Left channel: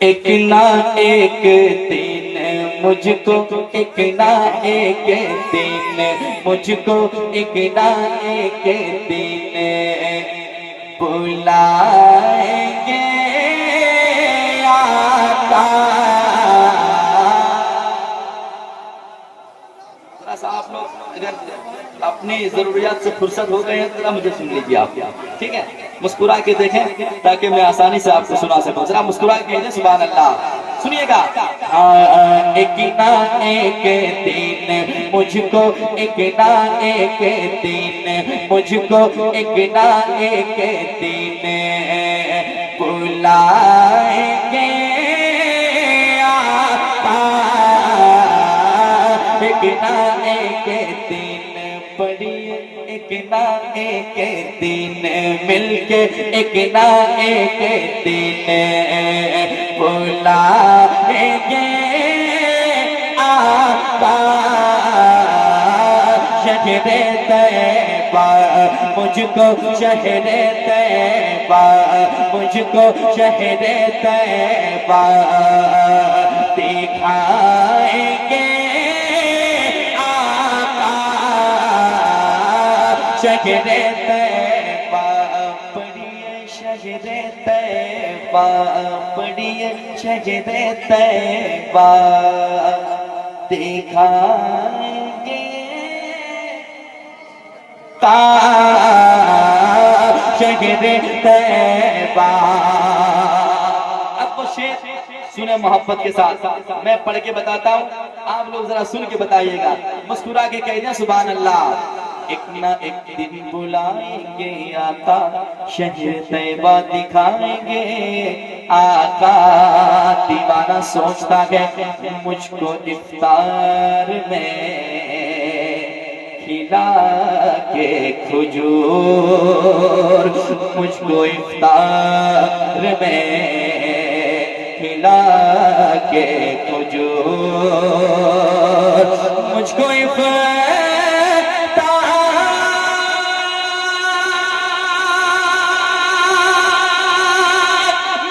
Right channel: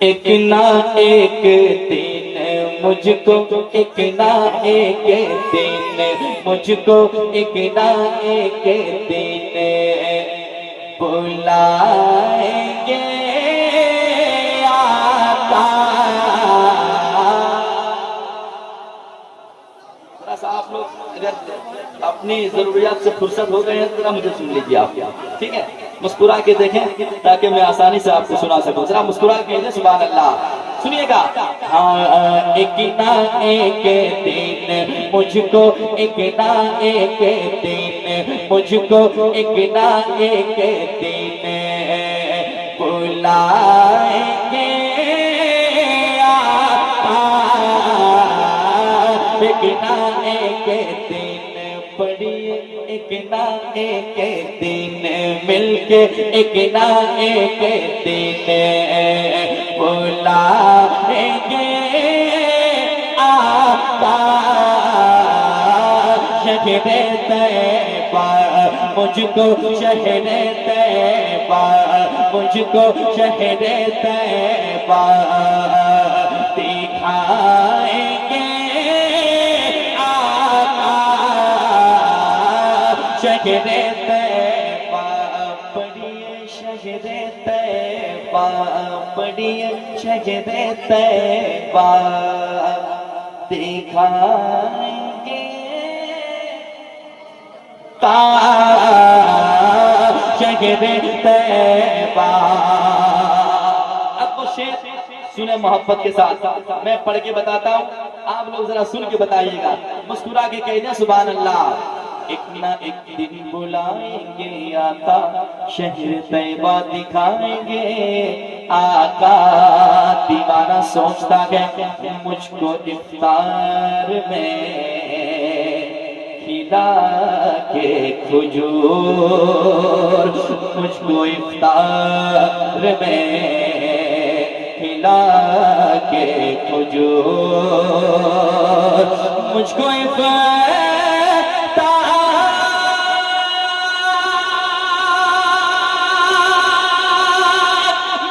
एक ना एक दिन मुझको, एक ना एक दिन मुझको, एक ना एक दिन बुलाएंगे आका। आप लोग अगर अपनी जरूरियात से फुर्सत हो गए हैं तो मुझे सुन लीजिए आप, ठीक है? मुस्कुरा के देखें ताकि मैं आसानी से आपको सुना सकूं। जरा मुस्कुरा के दें सुभान अल्लाह। सुनिएगा। हाँ, एक ना एक दिन मुझको, एक ना एक दिन मुझको, एक ना एक दिन बुलाएंगे आका। एक ना एक दिन पड़ी, एक ना एक दिन मिलके, एक ना एक दिन बुलाएंगे आका। शहरे तैबा मुझको, शहरे तैबा मुझको, शहरे तैबा दिखाएंगे आका। शहरे तैबा पढ़िए, शहरे तैबा पढ़िए, शहरे तैबा दिखाएंगे शहरे तैबा। अब वो शेर सुने मोहब्बत के साथ, मैं पढ़ के बताता हूँ, आप लोग जरा सुन के बताइएगा, मुस्कुरा के कह दें सुभान अल्लाह। एक ना एक दिन बुलाएंगे आका, शहर तैबा दिखाएंगे आका। दीवाना सोचता है मुझको इफ्तार में खिला के खजूर, मुझको इफ्तार में खिला के खजूर, मुझको इफ्तार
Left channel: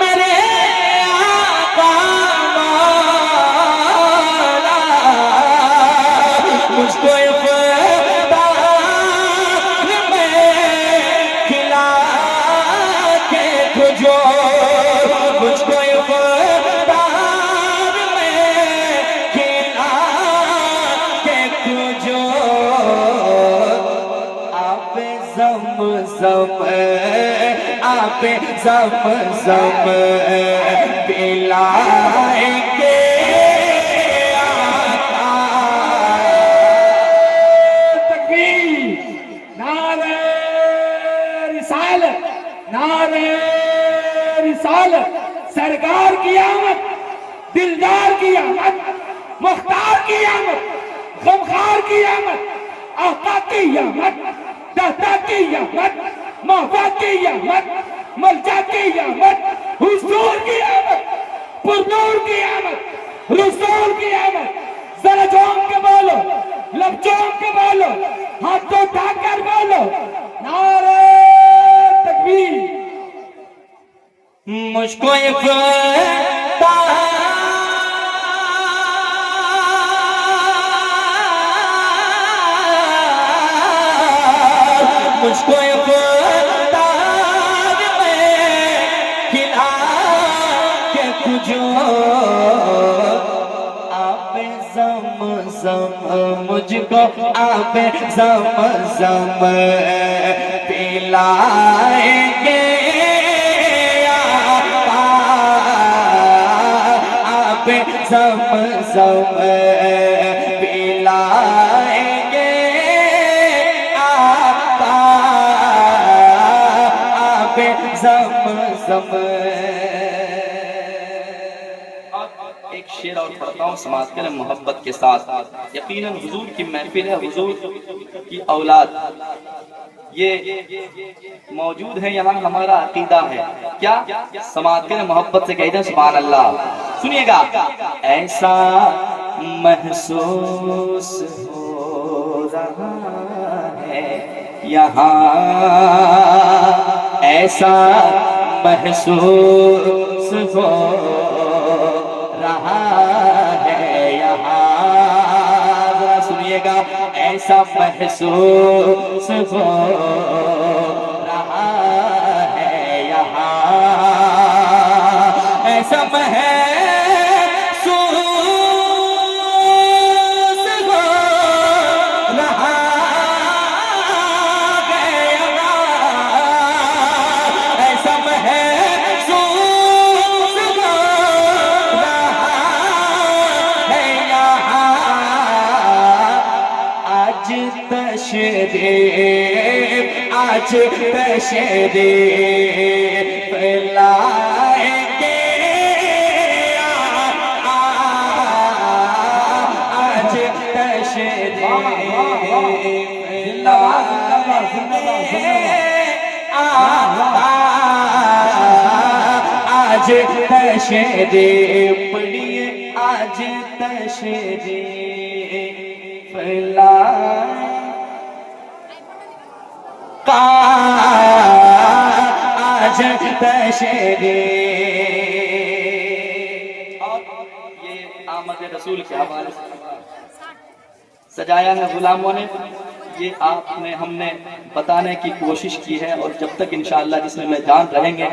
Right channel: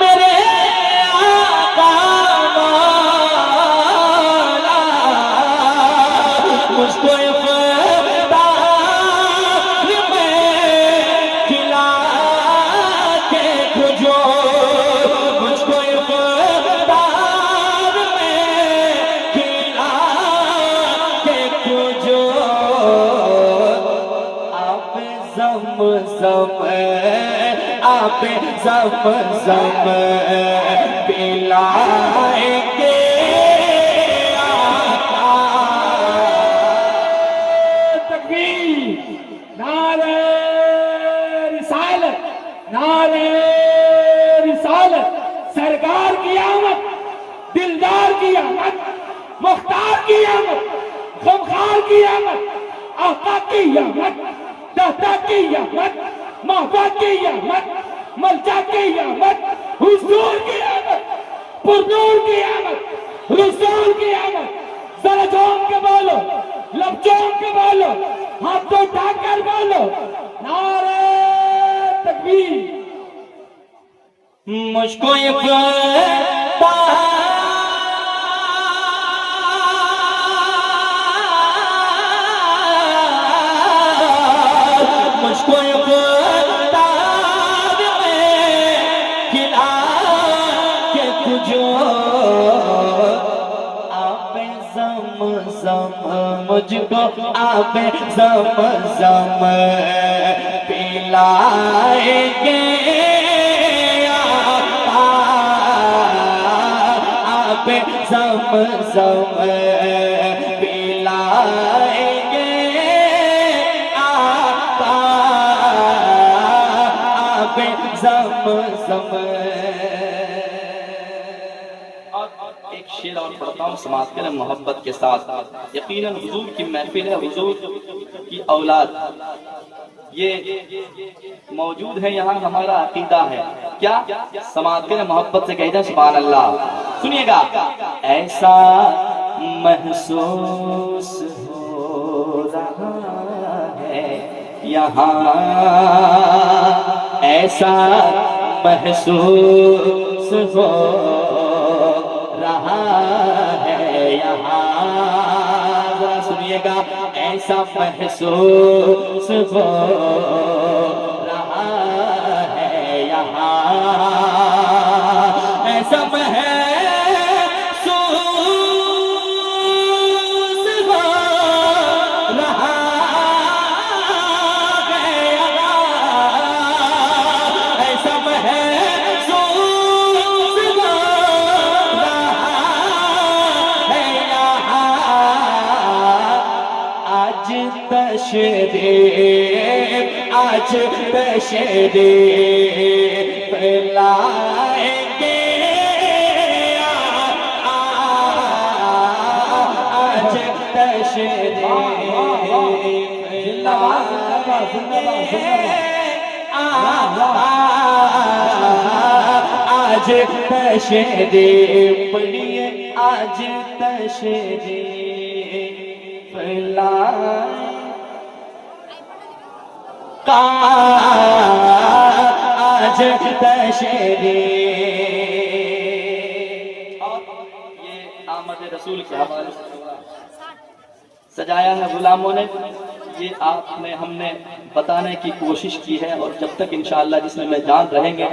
मेरे आका मौला, मुझको ज़म पिलाएंगे आका। तकबीर, नारे रिसालत, नारे रिसालत। सरकार की आमद, दिलदार की आमद, मुख्तार की आमद, गमखार की आमद, आका की आमद, दाता की आमद, महबा की आमद, मलजा की आमद, हुजूर की आमद, पुरनूर की आमद, रसूल की आमद। जरा जोम के बोलो, लब जोम के बोलो, हाथ उठाकर बोलो, नारे तकबीर। मुझको मुझको खिला के तुझो आप ज़म मुझको आप ज़म पिलाएंगे आप ज़म पिलाएंगे आका। आप ज़म। एक शेर और पढ़ता हूँ समाज के लिए मोहब्बत के साथ। यकीनन हुजूर की महफिल है, हुजूर की औलाद ये मौजूद है यहाँ, हमारा अकीदा है। क्या समाज के लिए मोहब्बत से कहते हैं सुभान अल्लाह। सुनिएगा। ऐसा महसूस हो रहा यहाँ ऐसा महसूस हो रहा है, यहाँ जरा सुनिएगा, ऐसा महसूस हो रहा है, यहाँ ऐसा महसूस हो रहा है, यहाँ ऐसा महसूस हो रहा है, यहाँ आज तशरीफ लाएंगे, आज तशरीफ आज तशरीफ पढ़िए, आज तशरीफ लाए आज तशरीफ। और ये आमद रसूल के हवाले से सजाया है गुलामों ने, ये आपने हमने बताने की कोशिश की है, और जब तक इंशाअल्लाह जिसमें मैं जान रहेंगे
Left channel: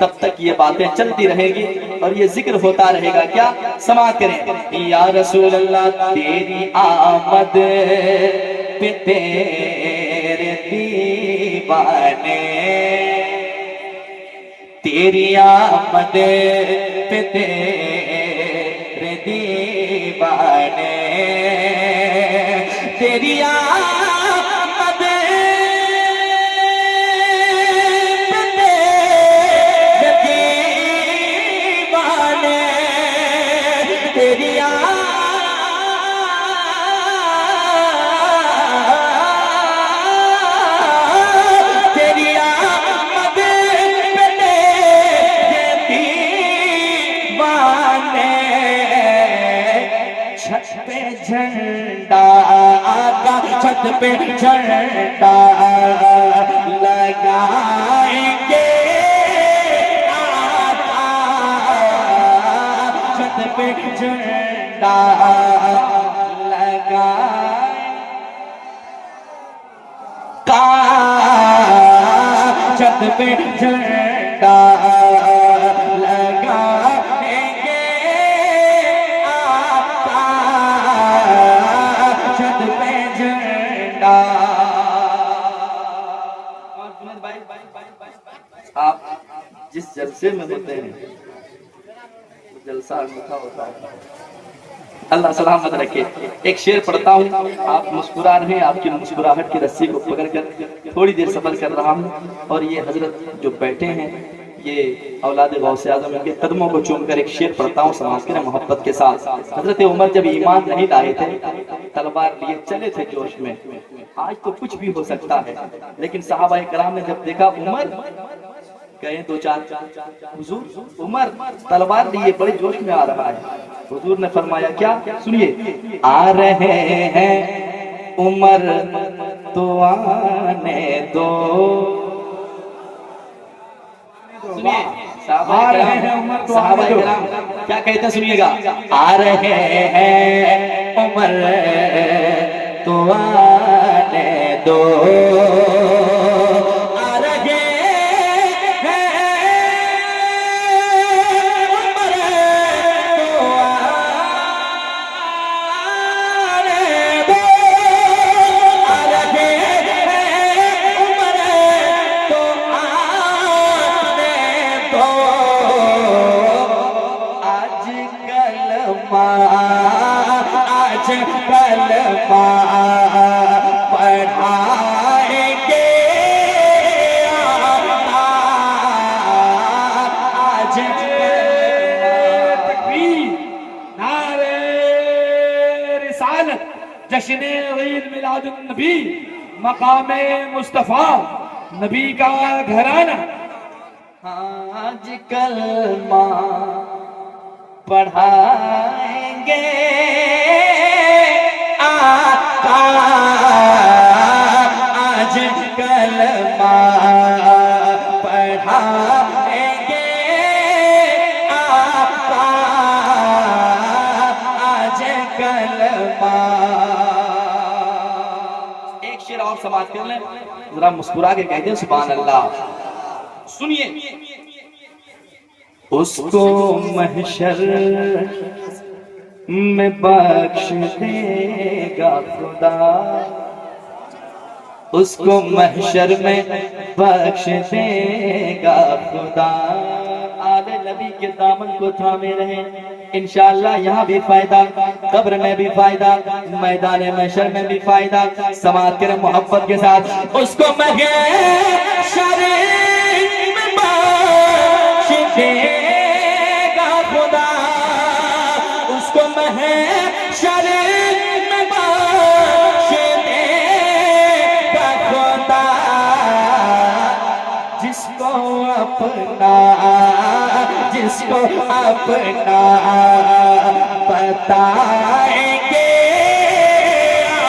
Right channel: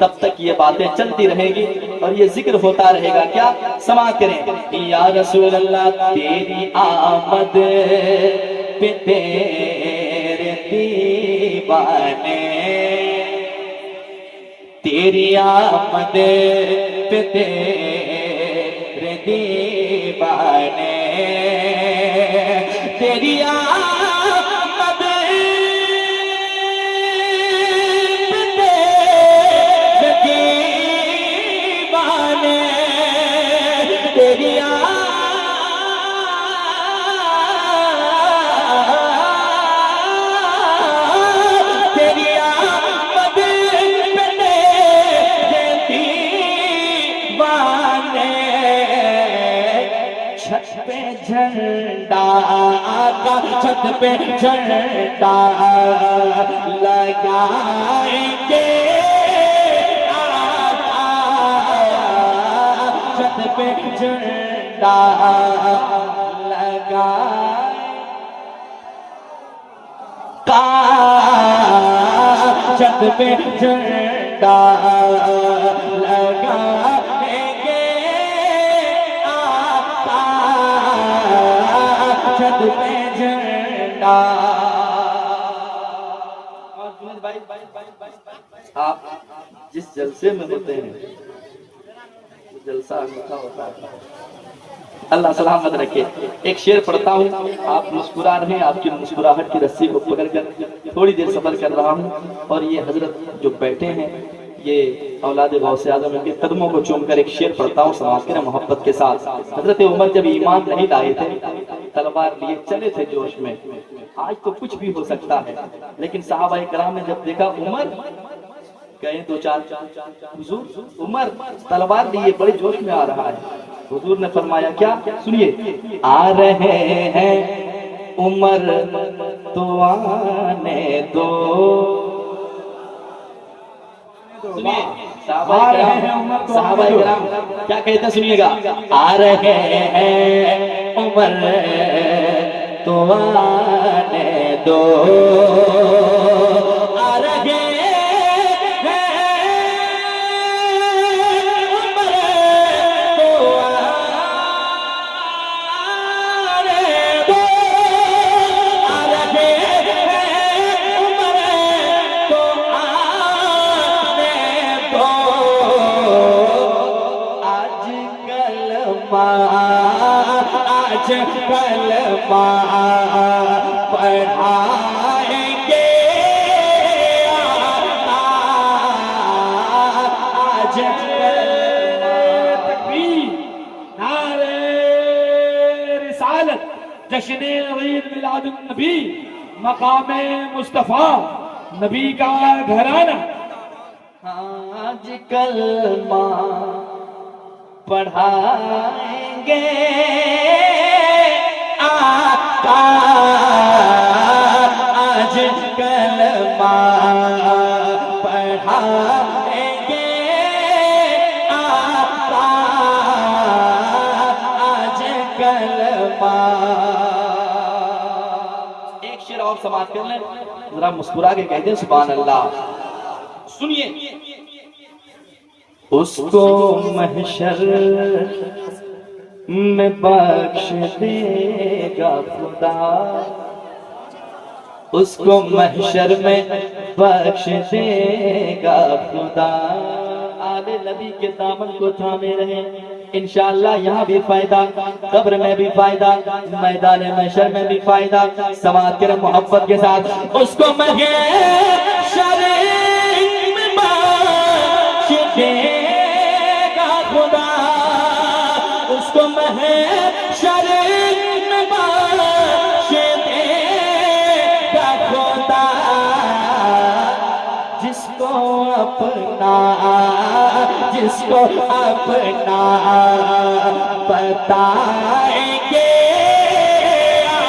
तब तक ये बातें चलती रहेगी और ये जिक्र होता रहेगा। क्या समाअत करें, या रसूल अल्लाह तेरी आमद पे तेरे दीवाने, तेरी आमद पे तेरे दीवाने, तेरी आमद पे तेरे दीवाने, तेरी झंडा आका, छत पे झंडा लगाएंगे, आका छत पे झंडा लगाए, का छत पे झंडा लगाएंगे, आका छत पे झंडा। आप जिस जलसे में होते हैं जलसा अनोखा होता है। अल्लाह सलामत रखे। एक शेर पढ़ता हूँ, आप मुस्कुरा रहे हैं, आपकी मुस्कुराहट की रस्सी को पकड़कर थोड़ी देर सफर कर रहा हूँ, और ये हजरत जो बैठे हैं ये औलाद गौसे आज़म, इनके कदमों को चूमकर एक शेर पढ़ता हूँ समाज के मोहब्बत के साथ। हजरत उमर जब ईमान नहीं लाए थे, तलवार लिए चले थे जोश में, आज तो कुछ भी हो सकता है, लेकिन सहाबा किराम ने जब देखा उमर गए दो चार, हुजूर उमर तलवार लिए बड़े जोश में आ रहा है, हुजूर ने फरमाया क्या, सुनिए, आ रहे हैं उमर तो आने दो, सुनिए सहाबा किराम क्या कहते हैं, सुनिएगा, आ रहे हैं उमर तो आने दो, आ रहे हैं उमर तो आने दो, आ रहे हैं उमर तो आने दो, आज कलमा पढ़ाएंगे, आज तकबीर, नारे रिसालत, जश्न ईद मिलादुन नबी, मकामे मुस्तफा, नबी का घराना। आज कलमा पढ़ाएंगे, आज फरमा। एक शेर और समाप्त कर लें, जरा मुस्कुरा के कह दें सुभान अल्लाह। सुनिए, उसको महशर में बख्श देगा खुदा, उसको महशर में बख्श देगा खुदा। आले नबी के दामन को थामे रहे, इंशाअल्लाह यहाँ भी फायदा, कब्र में भी फायदा, मैदान महशर में भी फायदा। समाज के मोहब्बत के साथ उसको महशर में बख्श देगा खुदा, उसको महशर में बख्श देगा खुदा। जिसको अपना बताएंगे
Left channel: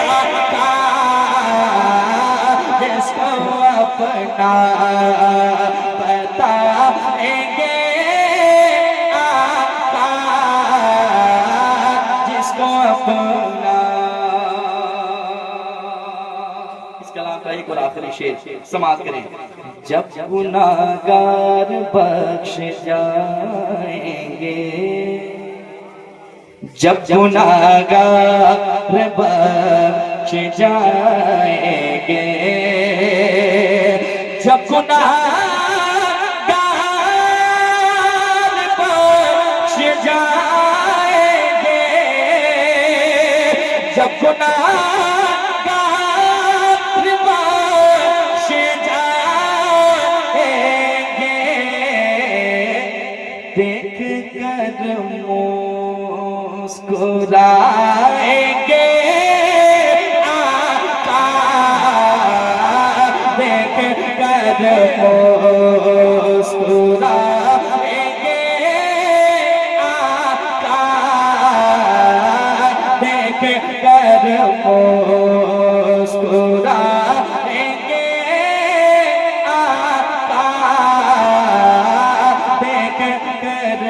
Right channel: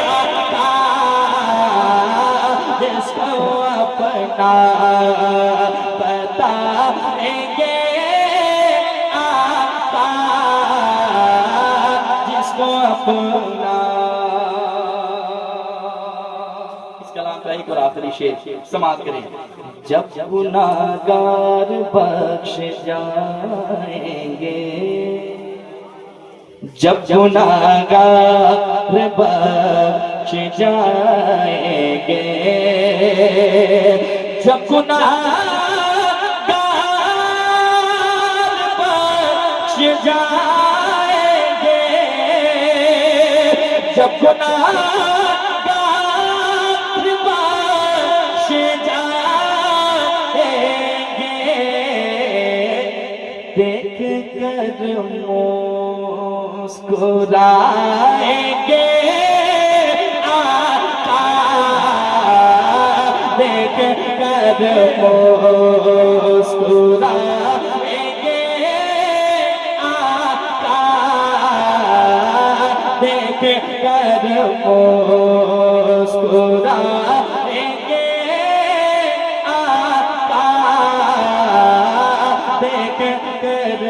आका, जिसको अपना बताएंगे आका, जिसको अपना। इस कलाम का एक और आखिरी शेर समाप्त करें। जब गुनाहगार बख्श जाएंगे, जब गुनाहगार बख्श जाएंगे, जब गुनाहगार बख्श जाएंगे, जब गुनाहगार बख्श जाएंगे, देख कर मुस्कुराएंगे आका, देख कर मुस्कुराएंगे आका, देख कर मुस्कुराएंगे आका, देख कर